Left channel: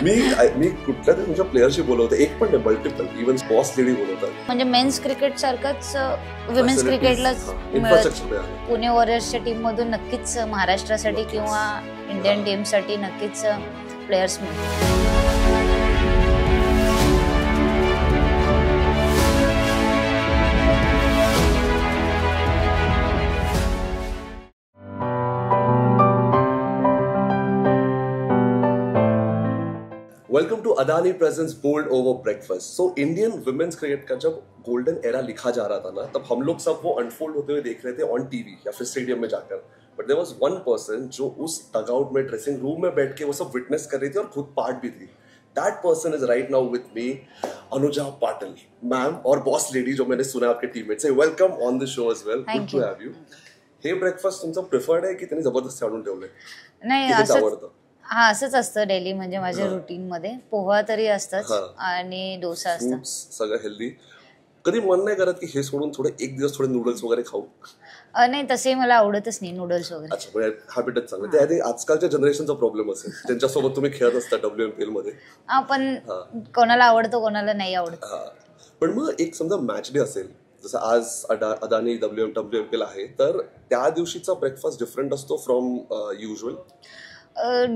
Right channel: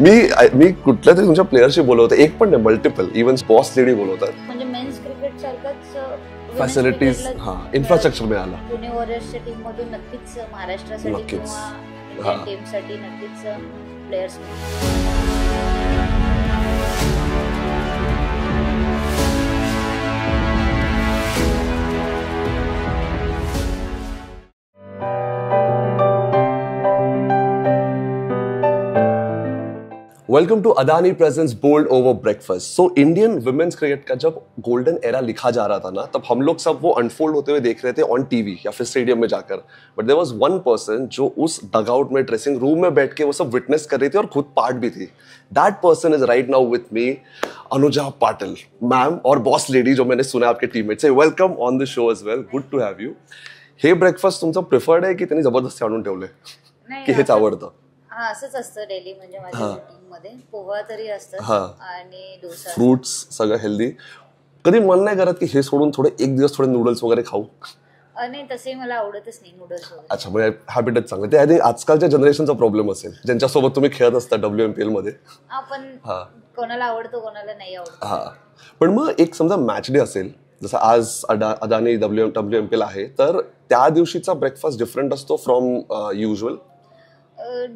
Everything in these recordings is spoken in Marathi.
मी कुठल्या तरी तुमच्या प्लेयरशी बोलवतो, एक पण नाही मल्टिपल, इव्हन बॉस लेडी बोलवतात. म्हणजे मेन्स क्रिकेट सारखंच विमेन्स क्रिकेटला इन्फ्रास्ट्रक्चर मिळालं. पुणे वॉरियर्सच्या टीम मधून नक्कीच महाराष्ट्रासाठी नक्कीच. किंवा इंडियन टीम साठी नक्कीच players. Welcome to Adani presents bold over breakfast. So Indian women's cricket का जब गोल्डन एरा लिखा जा रहा था ना, तब हम लोग सब वो अनफोल्ड होते हुए देख रहे थे ऑन टीवी या फिर स्टेडियम में जाकर. बट देयर वाज वन पर्सन जो उस डगआउट में, ड्रेसिंग रूम में बैठ के वो सब विटनेस कर रही थी और खुद पार्ट भी थी. That person is right now with me, Anuja Patil ma'am, और बॉस लेडी जो मैंने सुना आपके टीममेट से. Welcome on the show as well. Good to have you. Hey breakfast तुमचं प्रिफर्ड आहे की त्यांनी जबरदस्ती आणून ठेवले? नाही, हेच आवडतं? हा, असंच असतं डेली. म्हणजे माझ्या रुटीन मध्ये पोहा तरी असतात आणि डोसा, फ्रुट्स, सगळं हेल्दी. कधी मन नाही करत की हे सोडून थोडे एक दिवस थोडे नूडल्स वगैरे खाऊ? नाही, तसे मला आवडतच नाही नूडल्स वगैरे. अच्छा, म्हणजे हॅबिटच चांगलं. ते आय थिंक आजकालच्या जनरेशनचा प्रॉब्लेम असेल, ज्यांच्यासोबत तुम्ही खेळत असता WMPL मध्ये. पण कोणाला आवडतो कोणाला नाही आवडत. पण मग एक समजा मॅच डे असेल, जसं आज अदानी WMPL आहे, तर त्या दिवशीचा ब्रेकफास्ट डिफरंट असतो फ्रॉम युजल?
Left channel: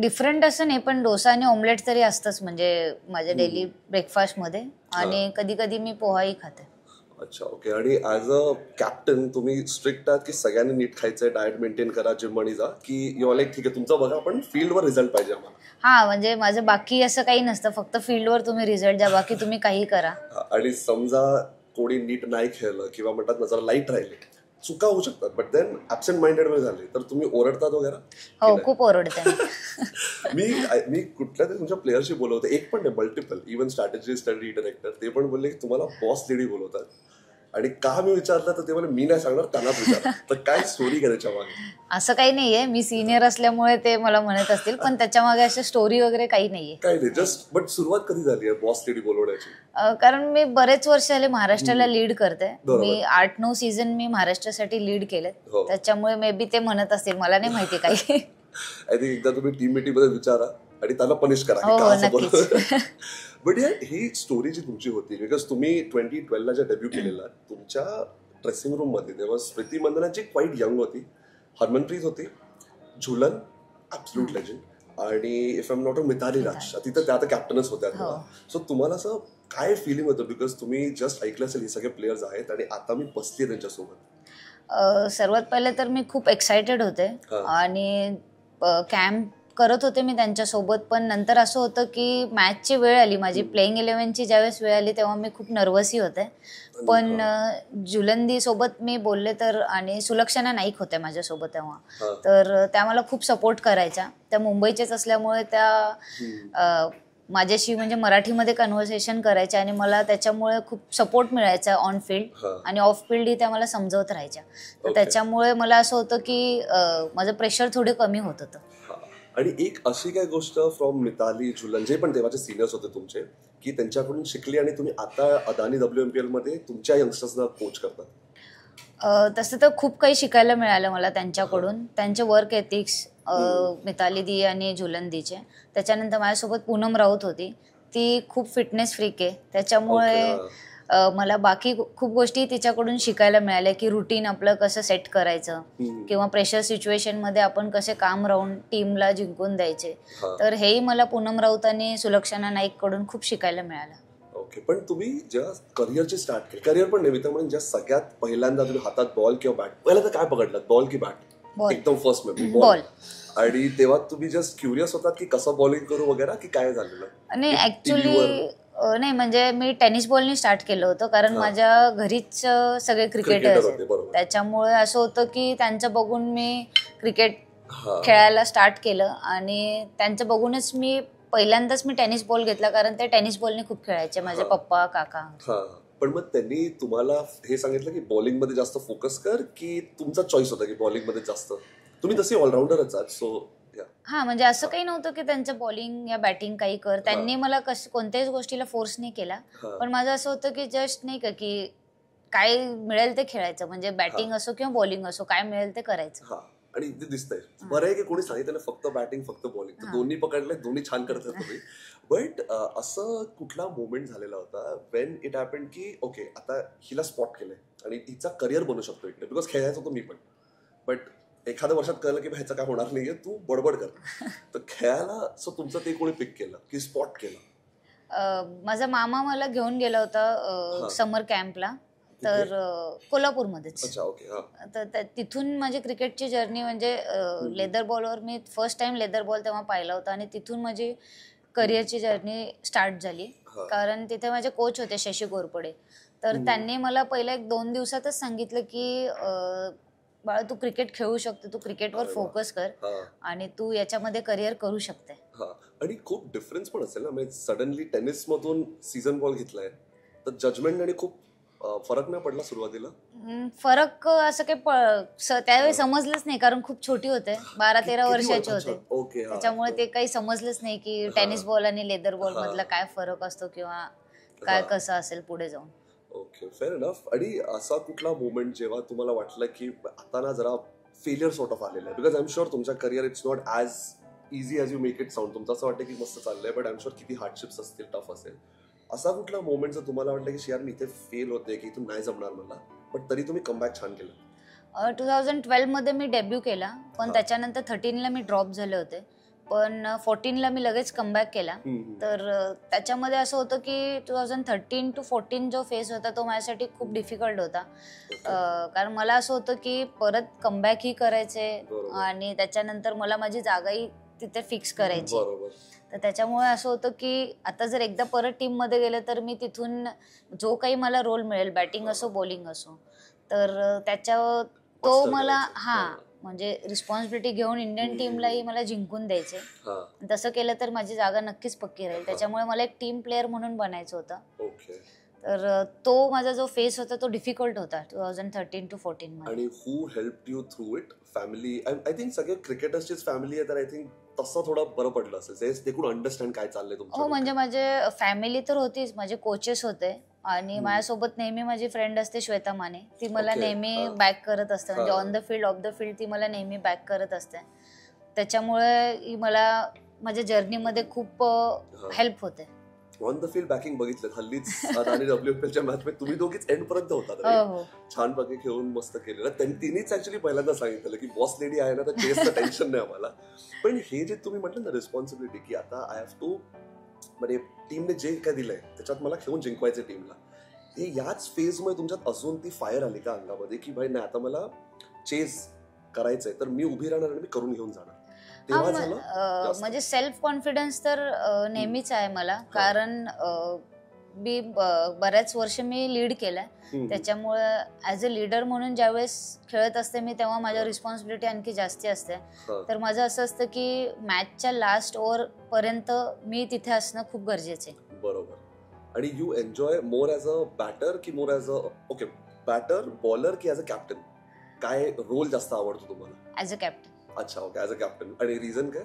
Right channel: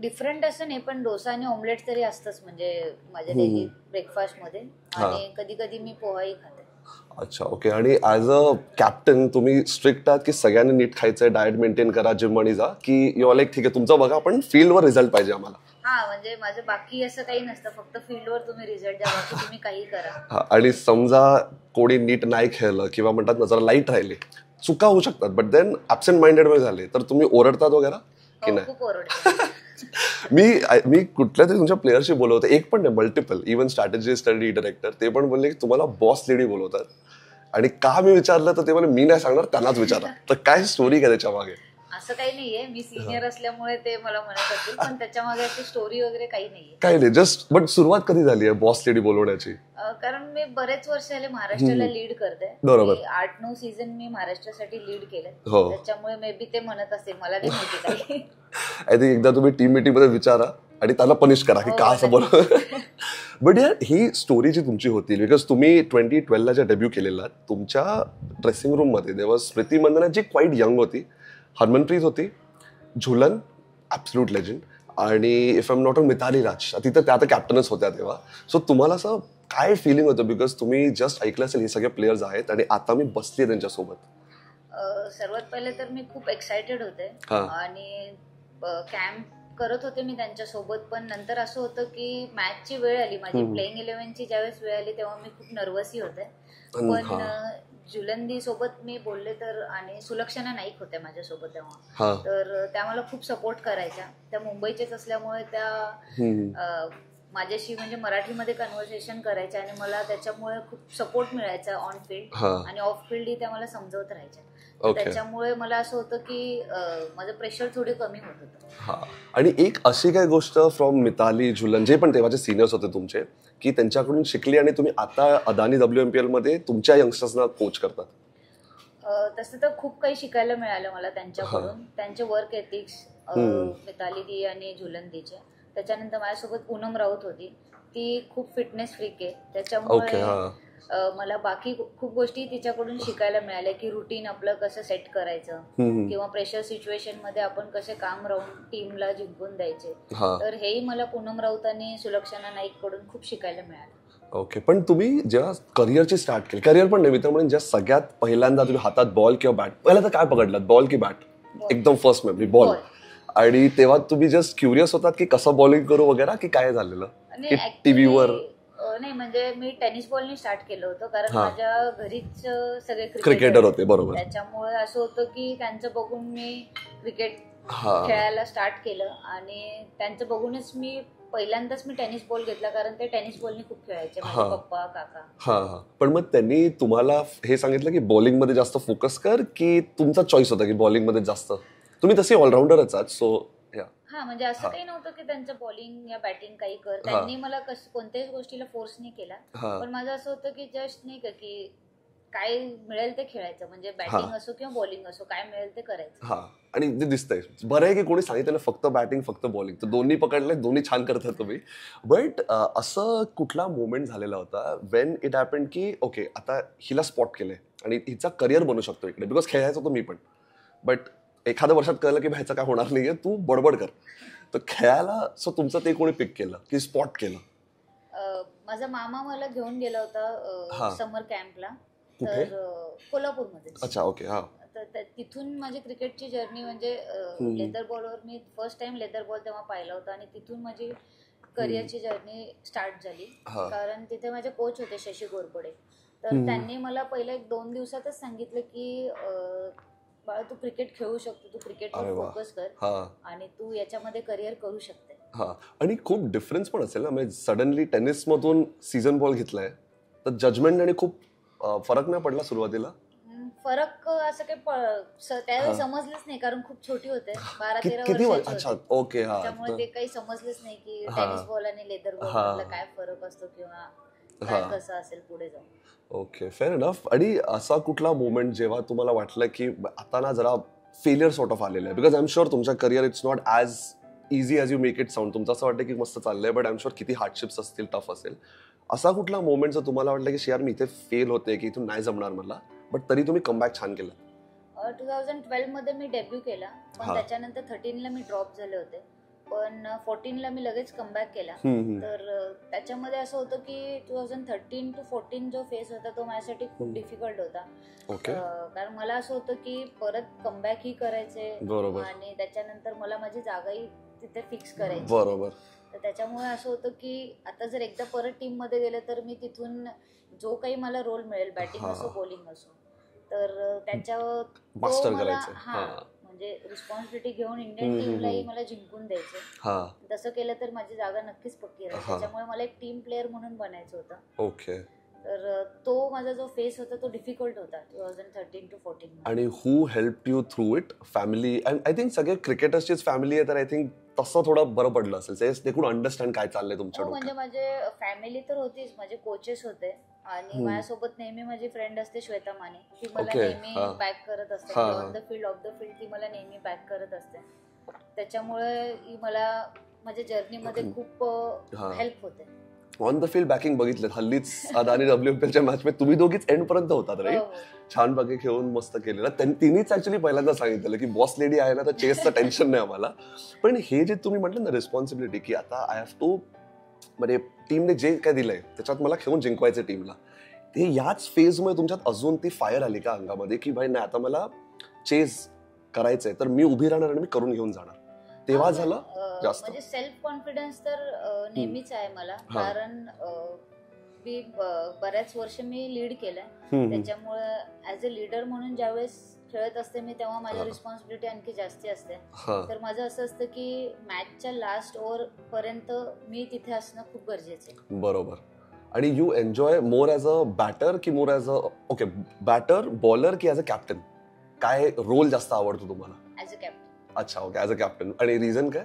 डिफरंट असं नाही, पण डोसा आणि ऑमलेट तरी असतंच म्हणजे माझ्या डेली ब्रेकफास्ट मध्ये. आणि कधी कधी मी पोहाही खाते. अच्छा, ओके. आणि ऍज अ कॅप्टन तुम्ही स्ट्रिक्ट आहात की सगळ्यांनी नीट खायचंय, डाएट मेंटेन करा, जिम मध्ये जा, की यू लाईक ठीक आहे तुमचं बघा पण फील्डवर रिझल्ट पाहिजे आम्हाला? हा, म्हणजे माझं बाकी असं काही नसतं, फक्त फील्डवर तुम्ही रिझल्ट द्या, बाकी तुम्ही काही करा. आणि समजा कोणी नीट नाही खेळलं किंवा म्हणतात ना जरा लाईट राहिले, चुका होऊ शकतात, बट देन ऍब्सेंट माइंडेड मध्ये झाले तर तुम्ही ओरडतात वगैरे? हो, खूप ओरडते. मी कुठल्या तरी तुमच्या प्लेयरशी बोलवतो, एक पण नाही multiple, even strategy study director, ते पण बोलले की तुम्हाला बॉस लेडी बोलवतात. आणि का मी विचारलं तर ते बोलले मी नाही सांगणार, त्यांनाच विचारा. तर काय स्टोरी काय त्याच्या मागे? असं काही नाहीये, मी सिनियर असल्यामुळे ते मला म्हणत असतील, पण त्याच्या मागे अशी स्टोरी वगैरे काही नाहीये. काही नाही, जस्ट. बट सुरुवात कधी झाली आहे बॉस लेडी बोलवण्याची? कारण मी बरेच वर्ष आले महाराष्ट्राला लीड करते. मी 8-9 सीझन मी महाराष्ट्रासाठी लीड केले, त्याच्यामुळे मे बी ते म्हणत असतील, मला नाही माहिती काही. आय थिंक एकदा तुम्ही टीम मीटिंग मध्ये विचारा आणि त्याला पनिश करा की का असं बोलवलं. बट यार, ही स्टोरी जी तुमची होती, बिकॉज तुम्ही 2012 ला जे डेब्यू केलेला, तुमच्या ड्रेसिंग रूम मध्ये देवर स्मृती मंदना जी क्वाईट यंग होती, हरमनप्रीत होती, झुलन ॲब्सोल्यूट लेजंड, आणि if I am not Mithali Raj, तिथं त्या तर कॅप्टनच होत्या तेव्हा. सो तुम्हाला असं काय फिलिंग होतं, बिकॉज तुम्ही जस्ट ऐकलं असेल हे सगळे प्लेयर्स आहेत आणि आता मी बसले त्यांच्यासोबत? सर्वात पहिले तर मी खूप एक्सायटेड होते आणि कॅम्प करत होते मी त्यांच्यासोबत. पण नंतर असं होतं की मॅचची वेळ आली, माझी प्लेइंग 11ची ज्यावेळेस वेळ आली तेव्हा मी खूप नर्वसही होते. पण जुलंदी सोबत मी बोलले तर, आणि सुलक्षणा नाईक होत्या माझ्यासोबत तेव्हा, तर त्या मला खूप सपोर्ट करायच्या. त्या मुंबईच्याच असल्यामुळे त्या माझ्याशी म्हणजे मराठीमध्ये कन्व्हर्सेशन करायच्या आणि मला त्याच्यामुळे खूप सपोर्ट मिळायचा ऑन फील्ड, आणि ऑफ फील्डही त्या मला समजवत राहायच्या. त्याच्यामुळे मला असं होतं की माझं प्रेशर थोडं कमी होत होतं. आणि एक अशी काय गोष्ट फ्रॉम मिताली, झुलन, जे पण तेव्हाचे सिनियर्स होते तुमचे, की त्यांच्याकडून शिकली आणि तुम्ही आता अदानी WMPL मध्ये तुमच्या यंगस्टर्सना कोच करतात? तसं तर खूप काही शिकायला मिळालं मला त्यांच्याकडून. त्यांचे वर्क एथिक्स, मिताली दी आणि झुलन दीचे. त्याच्यानंतर माझ्यासोबत पूनम राऊत होती, ती खूप फिटनेस फ्रीक आहे, त्याच्यामुळे मला बाकी खूप गोष्टी तिच्याकडून शिकायला मिळाल्या, की रुटीन आपलं कसं सेट करायचं किंवा प्रेशर सिच्युएशन मध्ये आपण कसे काम राहून टीमला जिंकून द्यायचे. तर हेही मला पूनम राऊत आणि सुलक्षणा नाईक कडून खूप शिकायला मिळालं. ओके. पण तुम्ही जेव्हा करिअरची स्टार्ट केली, करिअर पण नव्हे तर म्हणून जेव्हा सगळ्यात पहिल्यांदा तुम्ही हातात बॉल किंवा बॅट, पहिला तर काय पकडलं, बॉल की बॅट? एकदम फर्स्ट मेमरी बॉल. आणि तेव्हा तुम्ही जस्ट क्युरियस होतात की कसं बॉलिंग करू वगैरे, की काय झालेलं? नाही, ऍक्च्युली नाही, म्हणजे मी टेनिस बॉलनी स्टार्ट केलं होतं, कारण माझ्या घरीच सगळे क्रिकेटर होते, बरोबर. त्याच्यामुळे असं होतं की त्यांचं बघून मी क्रिकेट खेळायला स्टार्ट केलं, आणि त्यांचं बघूनच मी पहिल्यांदाच मी टेनिस बॉल घेतला, कारण ते टेनिस बॉलने खूप खेळायचे, माझे पप्पा, काका. पण मग त्यांनी तुम्हाला हे सांगितलं की बॉलिंग मध्ये जास्त फोकस कर, की तुमचा चॉईस होता की बॉलिंग मध्ये जास्त? तुम्ही तसे ऑलराऊंडरच आहात, सो हा, म्हणजे असं काही नव्हतं की त्यांचं बॉलिंग या बॅटिंग काही कर. त्यांनी मला कोणत्याच गोष्टीला फोर्स नाही केला, पण माझं असं होतं की जस्ट नाही का की काय मिळेल ते खेळायचं, म्हणजे बॅटिंग असो किंवा बॉलिंग असो, काय मिळेल ते करायचं. आणि ते दिसतंय. बरं आहे की कोणी सांगितलं फक्त बॅटिंग फक्त बॉलिंग, तर दोन्ही पकडले, दोन्ही छान करतात तुम्ही. बट असं कुठला मोमेंट झालेला होता वेन इट हॅपन्ड की ओके आता हिला स्पॉट केलंय आणि हिचा करिअर बनू शकतो इकडे, बिकॉज खेळायचं होतं मी पण, बट एखाद्या वर्षात कळलं की ह्याचं काय होणार नाहीये, तू बडबड कर. तर खेळायला सो तुमचं ते कोणी पिक केलं की स्पॉट केलं? माझा मामा मला घेऊन गेला होता समर कॅम्पला, तर कोल्हापूरमध्येच. अच्छा, ओके. तर तिथून माझी क्रिकेटची जर्नी म्हणजे लेदर बॉलवर मी फर्स्ट टाइम लेदर बॉल तेव्हा पाहिला होता आणि तिथून माझी करिअरची जर्नी स्टार्ट झाली. कारण तिथे माझे कोच होते शशी घोरपडे, तर त्यांनी मला पहिल्या 1-2 दिवसातच सांगितलं की बाळा तू क्रिकेट खेळू शकतो, तू क्रिकेटवर फोकस कर आणि तू याच्यामध्ये करिअर करू शकते. आणि खूप डिफरन्स पण असेल ना, म्हणजे सडनली टेनिस मधून सीझन बॉल घेतलाय तर जजमेंट आणि खूप फरक नाही पडला सुरुवातीला? फरक असं काही त्यावेळी समजलंच नाही, कारण खूप छोटी होते, 12-13 वर्षाचे होते. ओके. त्याच्यामुळे ते काही समजलंच नाही की टेनिस बॉल आणि लेदर बॉल मधला काय फरक असतो किंवा काय कसं असेल पुढे जाऊन. Okay, fair enough. आणि असा कुठला मोमेंट जेव्हा तुम्हाला वाटलं की आता ना जरा फेलियर सॉर्ट ऑफ आलेलं आहे? बिकॉज आय एम शुअर तुमच्या career it's not as easy as you make it sound. तुमचं असं वाटतं की मस्त चाललंय, बट आय एम शुअर किती हार्डशिप्स असतील, टफ असेल. असा कुठला मोमेंट जो तुम्हाला वाटलं की यार मी इथे फेल होते, की इथून नाही जमणार मला, बट तरी तुम्ही कमबॅक छान केलं? 2012 मध्ये मी डेब्यू केला, पण त्याच्यानंतर 13ला मी ड्रॉप झाले होते, पण 14ला मी लगेच कमबॅक केला. तर त्याच्यामध्ये असं होतं की 2013 to 14 जो फेज होता तो माझ्यासाठी खूप डिफिकल्ट होता. कारण मला असं होतं की परत कमबॅक ही करायचे आणि त्याच्यानंतर मला माझी जागाही तिथे फिक्स करायची. तर त्याच्यामुळे असं होतं की आता जर एकदा परत टीम मध्ये गेले तर मी तिथून जो काही मला रोल मिळेल, बॅटिंग असो बॉलिंग असो, तर त्याच्यावर तो मला म्हणजे रिस्पॉन्सिबिलिटी घेऊन इंडियन टीमलाही मला जिंकून द्यायचे. तसं केलं तर माझी जागा नक्कीच पक्की राहील. त्याच्यामुळे मला एक टीम प्लेअर म्हणून बनायचं होतं. ओके. तर तो माझा जो फेस होता तो डिफिकल्ट होता 2013 to 14 मध्ये. आणि who help you through it? Family? I think सगळे क्रिकेटर्सचीच फॅमिली आहे, तर आय थिंक तसं थोडं बरं पडलं असेल, ते कोण अंडरस्टँड काय चाललंय तुमच्या? म्हणजे माझे फॅमिली तर होतीच, माझे कोचेस होते आणि माझ्यासोबत नेहमी माझी फ्रेंड असते श्वेता माने, ती मला नेहमी बॅक करत असते. म्हणजे on the field of the field ती मला नेहमी बॅक करत असते. त्याच्यामुळे मला माझ्या जर्नीमध्ये खूप हेल्प होते. ऑन द फील्ड बॅकिंग बघितलं हल्लीच आणि WPLच्या मॅच मध्ये तुम्ही दोघीच एंड पर्यंत होतात रे. छान बघे खेळून मस्त केलेलं. तिनेच ऍक्च्युअली पहिल्यांदा सांगितलं की बॉस लेडी आहे ना तर चेसचं टेन्शन नाही आम्हाला. पण हे जे तुम्ही म्हटलं ना रिस्पॉन्सिबिलिटी की आता आय हॅव टू, म्हणजे टीमने जे काय दिलंय त्याच्यात मला खेळून जिंकवायचं टीमला, हे याच फेजमुळे तुमच्यात अजून ती फायर आली का अंगामध्ये की भाई नाही आता मला चेस करायचंय तर मी उभी राहणार आणि मी करून घेऊन जाणार? तेव्हा झालं? म्हणजे सेल्फ कॉन्फिडन्स तर नेहमीच आहे मला, कारण मी बऱ्याच वर्ष मी लीड केलंय. त्याच्यामुळे ऍज अ लीडर म्हणून ज्यावेळेस खेळत असते मी तेव्हा माझ्या रिस्पॉन्सिबिलिटी आणखी जास्ती असते. तर माझं असं असतं की मॅचच्या लास्ट ओव्हर पर्यंत मी तिथे असणं खूप गरजेचं आहे. बरोबर. आणि you enjoy more as a batter की more as a batter bowler की ऍज अ कॅप्टन? काय रोल जास्त आवडतो तुम्हाला? As a captain. अच्छा, ओके, ऍज अ कॅप्टन. आणि रिझन काय?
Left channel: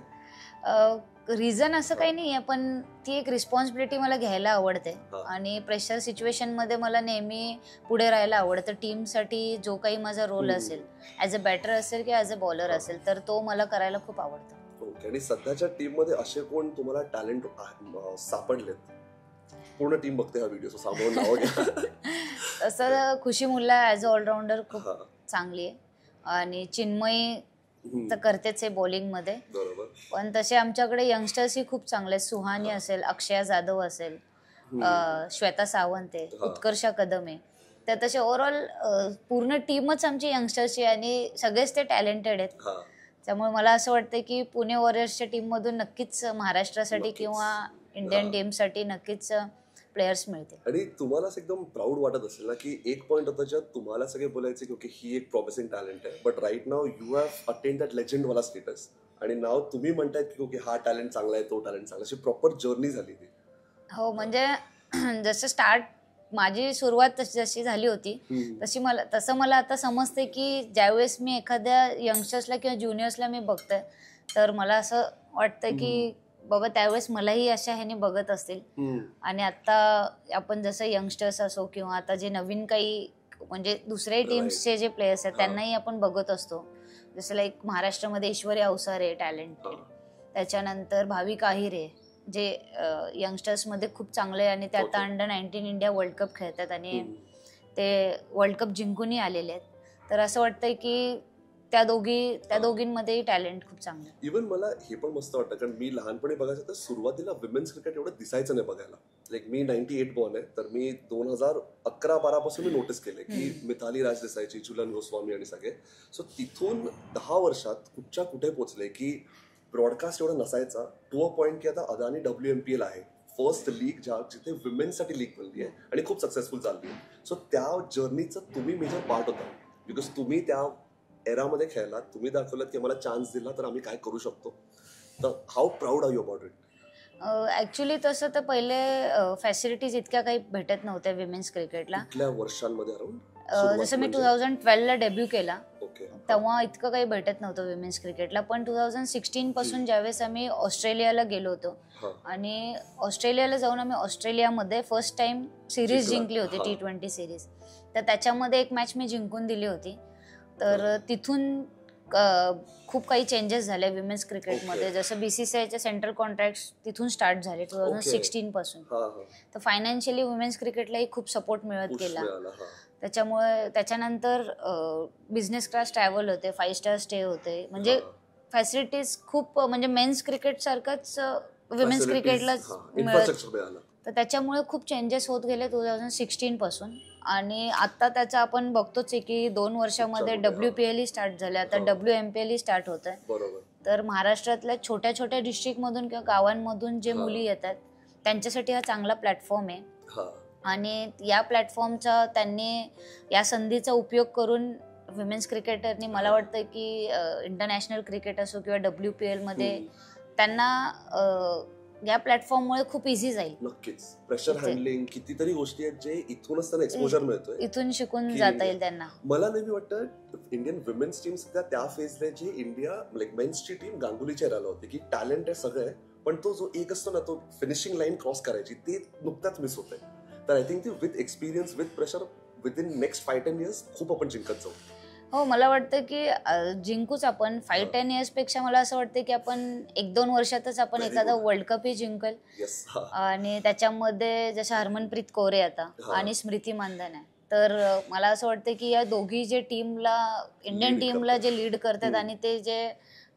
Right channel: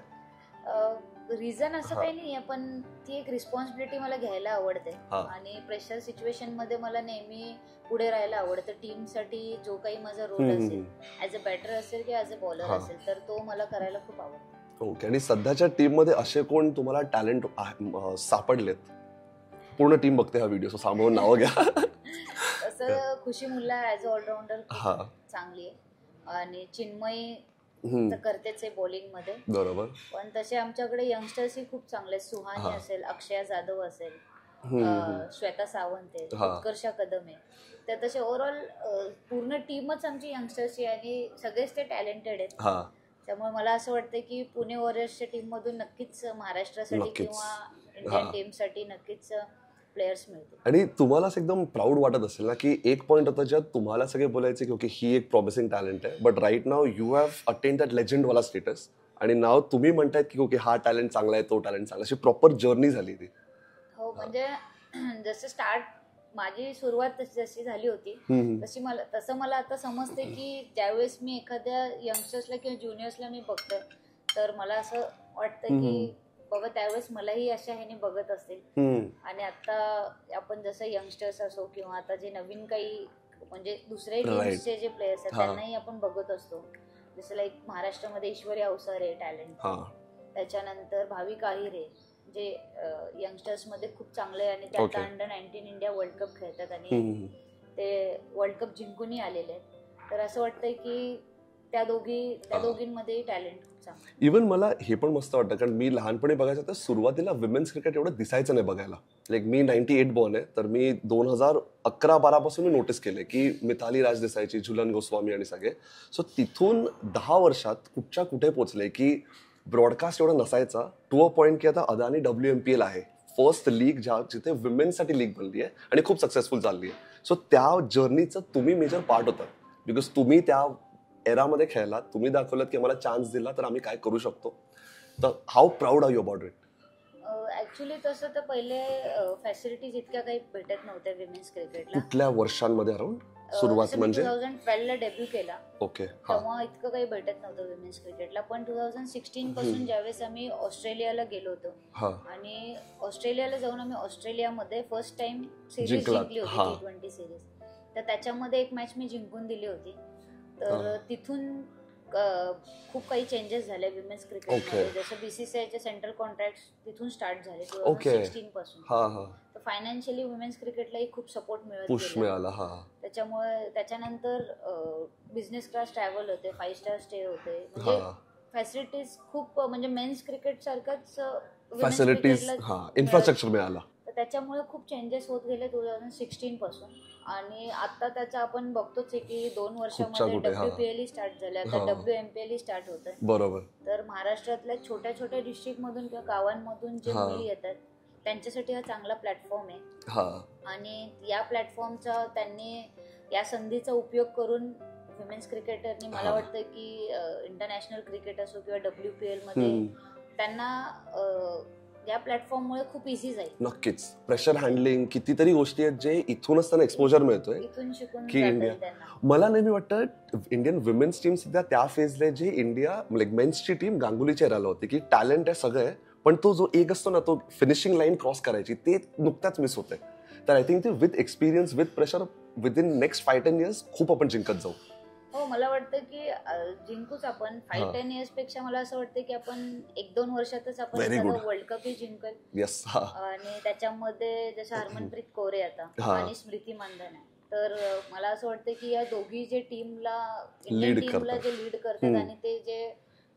रिझन असं काही नाहीये, पण ती एक रिस्पॉन्सिबिलिटी मला घ्यायला आवडते आणि प्रेशर सिच्युएशन मध्ये मला नेहमी पुढे राहायला आवडतं. टीमसाठी जो काही माझा रोल असेल, ऍज अ बॅटर असेल की ऍज अ बॉलर असेल, तर तो मला करायला खूप आवडतं. ओके. आणि सध्याच्या टीम मध्ये असे कोण तुम्हाला टॅलेंट सापडलेत? पूर्ण टीम बघते हा व्हिडिओ, सामावून नाव घ्या. तसं खुशी मुल्ला ऍज अ ऑलराऊंडर खूप चांगली आहे आणि चिन्मयी तर करतेच आहे बॉलिंग मध्ये. बरोबर. पण तसे आमच्याकडे यंगस्टर्स ही खूप चांगले आहेत. सुहानी असेल, अक्षया जाधव असेल, श्वेता सावंत आहे, उत्कर्षा कदम आहे. तर तसे ओव्हरऑल पूर्ण टीमच आमची यंगस्टर्सची आणि सगळेच ते टॅलेंटेड आहेत. त्यामुळे मला असं वाटतं की पुणे वॉरियर्सच्या टीम मधून नक्कीच महाराष्ट्रासाठी किंवा इंडियन टीमसाठी नक्कीच प्लेयर्स मिळते. आणि तुम्हाला असं एकदम प्राऊड वाटत असेल ना की एक पॉईंट होता ज्यात तुम्हाला सगळे बोलायचे की ओके ही एक प्रॉमिसिंग टॅलेंट आहे, but right now you have attend that legend वाला स्टेटस आणि नाव तुम्ही म्हणतायत की ओके हा टॅलेंट चांगला आहे, तो टॅलेंट चांगला, अशी प्रॉपर जर्नी झाली ती. हो, म्हणजे जसं स्टार्ट माझी सुरुवात जशी झाली होती तसं मला आता समजते की ज्यावेळेस मी एखाद्या यंगस्टर्सला किंवा ज्युनियर्सला मी बघते तर मला असं वाटतं की बाबा त्यावेळेस मलाही अशा ह्याने बघत असतील. आणि आता आपण जसं यंगस्टर्स असो किंवा आता जे नवीन काही म्हणजे दुसरे टीम्सचे जे प्लेयर्स आहेत त्यांनाही आपण बघत असतो. जसं लाईक महाराष्ट्रामध्ये ईश्वरी अवसारे टॅलेंट, त्याच्यानंतर भाविक आहिरे जे यंगस्टर्स मध्ये खूप चांगले आणि ते आता अंडर-19 इंडिया वर्ल्ड कप खेळतात आणि ते वर्ल्ड कप जिंकूनही आलेले आहेत. तर असं वाटतंय की त्या दोघींमध्ये टॅलेंट खूप चांगलं. इव्हन मला हे पण मस्त वाटतं कारण मी लहानपणी बघायचं तर सुरुवातीला विमेन्स क्रिकेट एवढं दिसायचं नाही बघायला. लाईक मी 98 बॉर्न आहे, तर मी 2011-12 पासून मी नोटीस केले की मिताली राज दिसायची, झुलन गोस्वामी आणि सगळे. सो तिथून 10 वर्षात कुठच्या कुठे पोहोचले की ब्रॉडकास्ट एवढा नसायचा टू अ पॉइंट की आता अदानी WMPL आहे, फर्स्ट लीग जिथे विमेन्ससाठी लीग बनली आहे आणि खूप सक्सेसफुल चालली आहे. सो त्या जर्नीचं तुम्ही मेजर पार्ट होता बिकॉज तुम्ही त्या एरामध्ये खेळलात, तुम्ही दाखवलात की आम्हाला चान्स दिला तर आम्ही काय करू शकतो. तर how proud are you about it? Actually तसं तर पहिले फॅसिलिटीज इतक्या काही भेटत नव्हत्या विमेन्स क्रिकेटला. कुठल्या वर्षांमध्ये अराउंड? जसं मी 2012 ला डेब्यू केला तेव्हा इतकं काही भेटत नव्हतं विमेन्स क्रिकेटला. पण 2016 पासून ज्यावेळेस आम्ही ऑस्ट्रेलियाला गेलो होतो आणि ऑस्ट्रेलियाला जाऊन आम्ही ऑस्ट्रेलियामध्ये फर्स्ट टाइम सिरीज जिंकली होती, T20 सिरीज. तर त्याच्यामध्ये एक मॅच मी जिंकून दिली होती. तर तिथून खूप काही चेंजेस झाले विमेन्स क्रिकेटमध्ये. जसं BCCIचे सेंट्रल कॉन्ट्रॅक्ट तिथून स्टार्ट झाले 2016 पासून. तर फायनान्शियली वुमेन्स क्रिकेटलाही खूप सपोर्ट मिळत गेला. त्याच्यामुळे त्याच्यानंतर बिझनेस क्लास ट्रॅव्हल होते, 5 स्टार स्टे होते, म्हणजे फॅसिलिटीज खूप, म्हणजे मेन्स क्रिकेट सारखंच विमेन्स क्रिकेटला इन्फ्रास्ट्रक्चर मिळाला. तर त्याच्यामुळे खूप चेंजेस होत गेले 2016 पासून. आणि आता त्याचं आपण बघतोच आहे की 2 वर्षामध्ये WPL स्टार्ट झाले, आता WMPL स्टार्ट होत आहे. बरोबर. तर महाराष्ट्रातल्या छोट्या छोट्या डिस्ट्रिक्ट मधून किंवा गावांमधून जे मुली येतात त्यांच्यासाठी हा चांगला प्लॅटफॉर्म आहे. आणि या प्लॅटफॉर्मचा त्यांनी या संधीचा उपयोग करून विमेन्स क्रिकेटरनी मला वाटतं की इंटरनॅशनल क्रिकेट असो किंवा WPL मध्ये त्यांना या प्लॅटफॉर्ममुळे खूप इझी जाईल. नक्कीच. प्रेशर हँडलिंग, कितीतरी गोष्टी आहेत जे इथूनच त्यांना एक्सपोजर मिळतोय, इथून शिकून जाता येईल त्यांना. मला नेहमी वाटतं इंडियन विमेन्स टीम सध्या त्या फेजला जे इंडिया लाईक मेन्सची टीम गांगुलीच्या एराला होती की टॅलेंट आहे सगळं आहे, पण तो जो एक असतो ना, तो फिनिशिंग लाईन क्रॉस करायची, ते नुकत्याच मिस होते. तर आय थिंक ते with experience, with pressure, within next 5-10 years खूप आपण जिंकत जाऊ. हो, मला वाटतं की जिंकूच आपण. 5-10 years पेक्षा मला असं वाटतं की आपण 1-2 वर्षातच आपण एखादा वर्ल्ड कपही जिंकल. आणि त्याच्यामध्ये जसं हरमनप्रीत कौर आता आणि स्मृती मानधना आहे, तर मला असं वाटतं की या दोघी जे टीमला, इंडियन टीमला जे लीड करतात आणि ते जे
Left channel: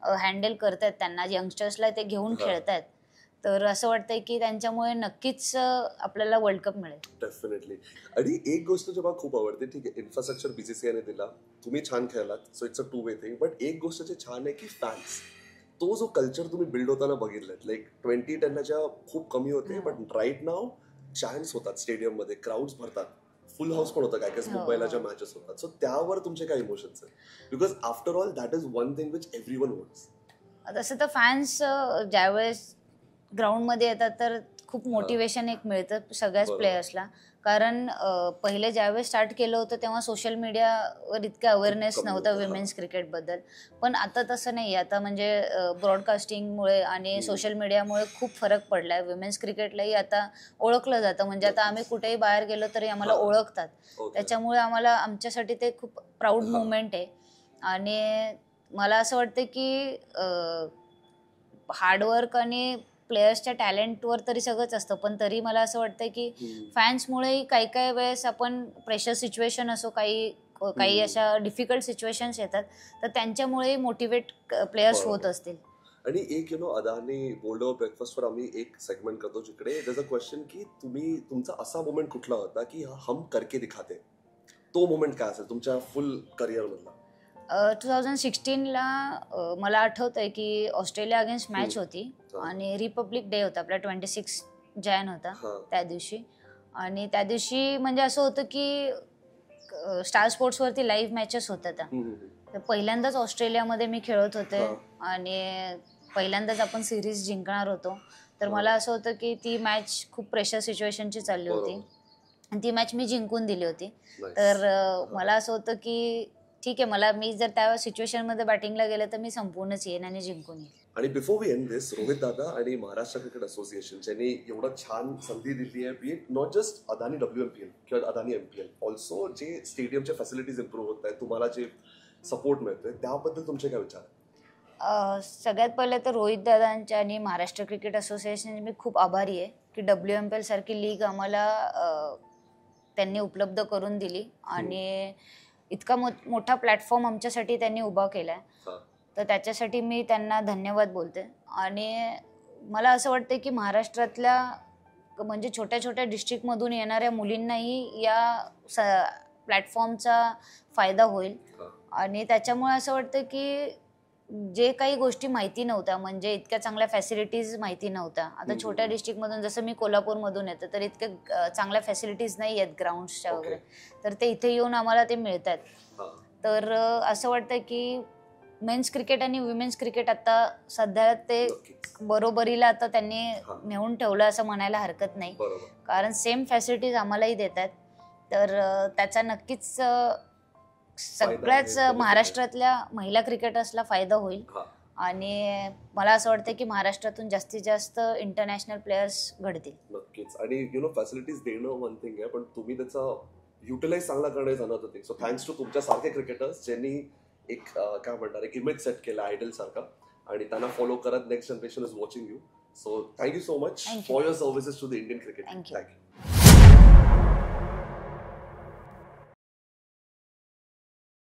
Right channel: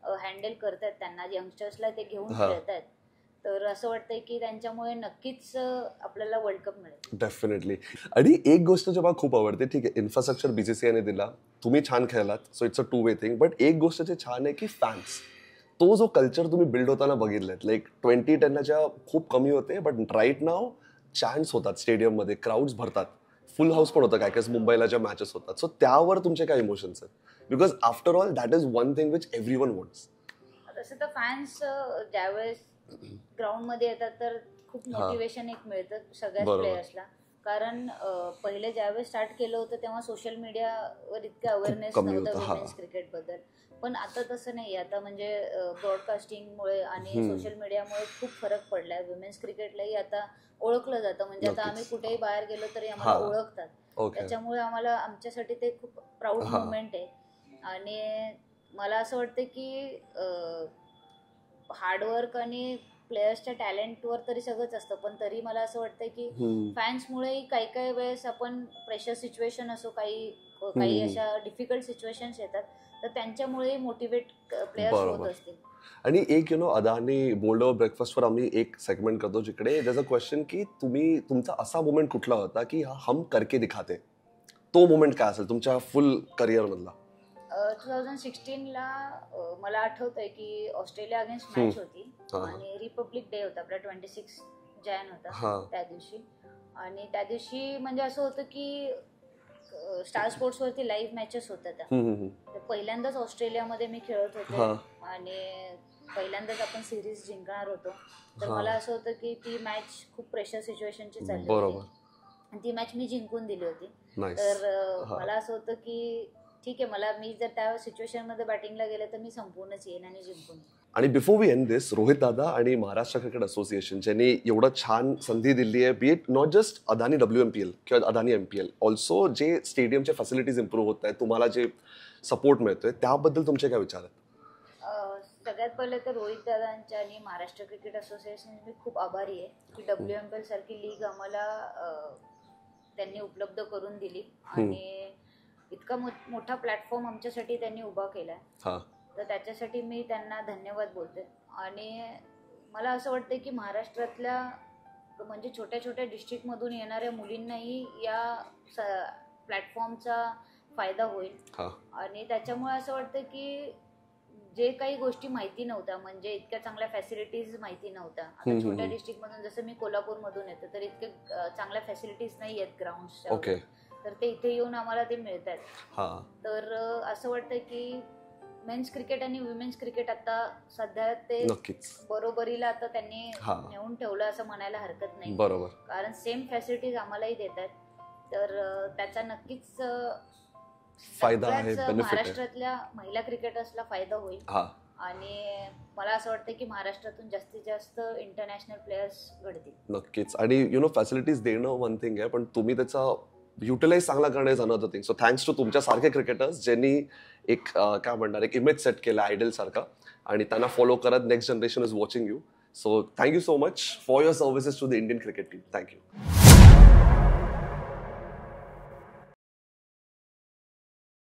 हँडल करतात त्यांना, यंगस्टर्सला ते घेऊन खेळतात, तर असं वाटतंय की त्यांच्यामुळे नक्कीच आपल्याला वर्ल्ड कप मिळेल. डेफिनेटली. आणि एक गोष्ट जे मला खूप आवडते, ठीक आहे इन्फ्रास्ट्रक्चर BCCIने दिला, तुम्ही छान खेळलात, so it's a 2-way thing, but एक गोष्ट जे छान आहे की फॅन्स, तो जो कल्चर तुम्ही बिल्ड होताना बघितलात, लाईक 2010च्या खूप कमी होते, बट राईट नाव चॅन्ट्स होतात स्टेडियम मध्ये, क्राऊड्स भरतात, फुल हाऊस पण होतं, काय काय मुंबईला ज्या मॅचेस होतात. सो त्यावर तुमचे काय इमोशन्स आहेत? Because after all that is one thing which everyone wants. तसं तर फॅन्स ज्यावेळेस ग्राउंड मध्ये येतात तर खूप मोटिवेशन एक मिळतं सगळ्याच प्लेयर्सला. कारण पहिले ज्यावेळेस स्टार्ट केलं होतं तेव्हा सोशल मीडियावर इतकं अवेअरनेस नव्हतं विमेन्स क्रिकेट बद्दल. पण आता तसं नाही, आता म्हणजे ब्रॉडकास्टिंगमुळे आणि सोशल मीडियामुळे खूप फरक पडलाय. विमेन्स क्रिकेटलाही आता ओळखलं जातं, म्हणजे आता आम्ही कुठेही बाहेर गेलो तरी आम्हाला ओळखतात. त्याच्यामुळे आम्हाला, आमच्यासाठी ते खूप प्राऊड मुवमेंट आहे. आणि मला असं वाटतं की हार्डवर्क आणि प्लेयर्सच्या टॅलेंटवर तरी सगळंच असतं, पण तरी मला असं वाटतं की फॅन्समुळेही काही काही वेळेस आपण प्रेशर सिच्युएशन असो, काही अशा डिफिकल्ट सिच्युएशन्स येतात, तर त्यांच्यामुळेही मोटिवेट प्लेयर्स होत असतील. आणि एक अदानी बोल्ड ओव्हर ब्रेकफास्टवर आम्ही एक सेगमेंट करतो जिकडे त्याचा क्वेश्चन की तुमचा असा मोमेंट कुठला होता की हम करके दिखाते, तो मोमेंट काय असेल तुमच्या फुल करिअर मधला? 2016 ला मला आठवतंय की ऑस्ट्रेलिया अगेन्स्ट मॅच होती आणि रिपब्लिक डे होता आपला, 26 जानेवारी होता त्या दिवशी. आणि त्या दिवशी म्हणजे असं होतं की स्टार स्पोर्ट्स वरती लाईव्ह मॅचेस होत्या. तर पहिल्यांदाच ऑस्ट्रेलियामध्ये मी खेळत होते आणि पहिल्यांदाच आपण सिरीज जिंकणार होतो. तर मला असं होतं की ती मॅच खूप प्रेशर सिच्युएशनची चालली होती आणि ती मॅच मी जिंकून दिली होती. तर मला असं होतं की ठीक आहे, मी जर त्या सिच्युएशन मध्ये बॅटिंगला गेले तर मी संपूर्णच येईन आणि जिंकून येईन. आणि बिफोर वी एंड दिस, रोहित दादा आणि महाराष्ट्र क्रिकेट असोसिएशन ज्यांनी एवढं छान संधी दिली आहे, बी it not just Adani WMPL किंवा अदानी MPL, ऑल्सो जे स्टेडियमचे फॅसिलिटीज इम्प्रूव्ह होत आहेत, तुम्हाला जे सपोर्ट मिळतोय, त्याबद्दल तुमचे काय विचार आहेत? सगळ्यात पहिले तर रोहित दादांच्या आणि महाराष्ट्र क्रिकेट असोसिएशन मी खूप आभारी आहे की WMPL सारखी लीग आम्हाला त्यांनी उपलब्ध करून दिली आणि इतका मोठा प्लॅटफॉर्म आमच्यासाठी त्यांनी उभा केलाय, तर त्याच्यासाठी मी त्यांना धन्यवाद बोलते. आणि मला असं वाटतं की महाराष्ट्रातल्या म्हणजे छोट्या छोट्या डिस्ट्रिक्टमधून येणाऱ्या मुलींनाही या प्लॅटफॉर्मचा फायदा होईल. आणि त्याच्यामुळे असं वाटतं की जे काही गोष्टी माहिती नव्हत्या, म्हणजे इतक्या चांगल्या फॅसिलिटीज माहिती नव्हत्या, आता छोट्या डिस्ट्रिक्टमधून, जसं मी कोल्हापूरमधून येते, तर इतक्या चांगल्या फॅसिलिटीज नाही आहेत ग्राउंड्सच्या वगैरे, तर ते इथे येऊन आम्हाला ते मिळतात. तर असं वाटतं की मेन्स क्रिकेट आणि विमेन्स क्रिकेट आता सध्या ते बरोबरीला आता त्यांनी नेऊन ठेवलं असं म्हणायला हरकत नाही, कारण सेम फॅसिलिटीज आम्हालाही देतात. तर त्याचा नक्कीच सगळ्याच महाराष्ट्रातल्या महिला क्रिकेटर्सला फायदा होईल. आणि मला असं वाटतं की महाराष्ट्रातून जास्तीत जास्त इंटरनॅशनल प्लेयर्स घडतील. नक्कीच. आणि फॅसिलिटीज देणं वन थिंग आहे, पण तुम्ही त्याचा युटिलाइज चांगला करणं is another thing. So thanks to तुमच्या सारखे क्रिकेटर्स ज्यांनी एक काय म्हणणार एक इमेज सेट केला आयडल सारखा, आणि त्यांना फॉलो करत next generation is watching you. So thank you so much for your services to the Indian cricket. Thank you.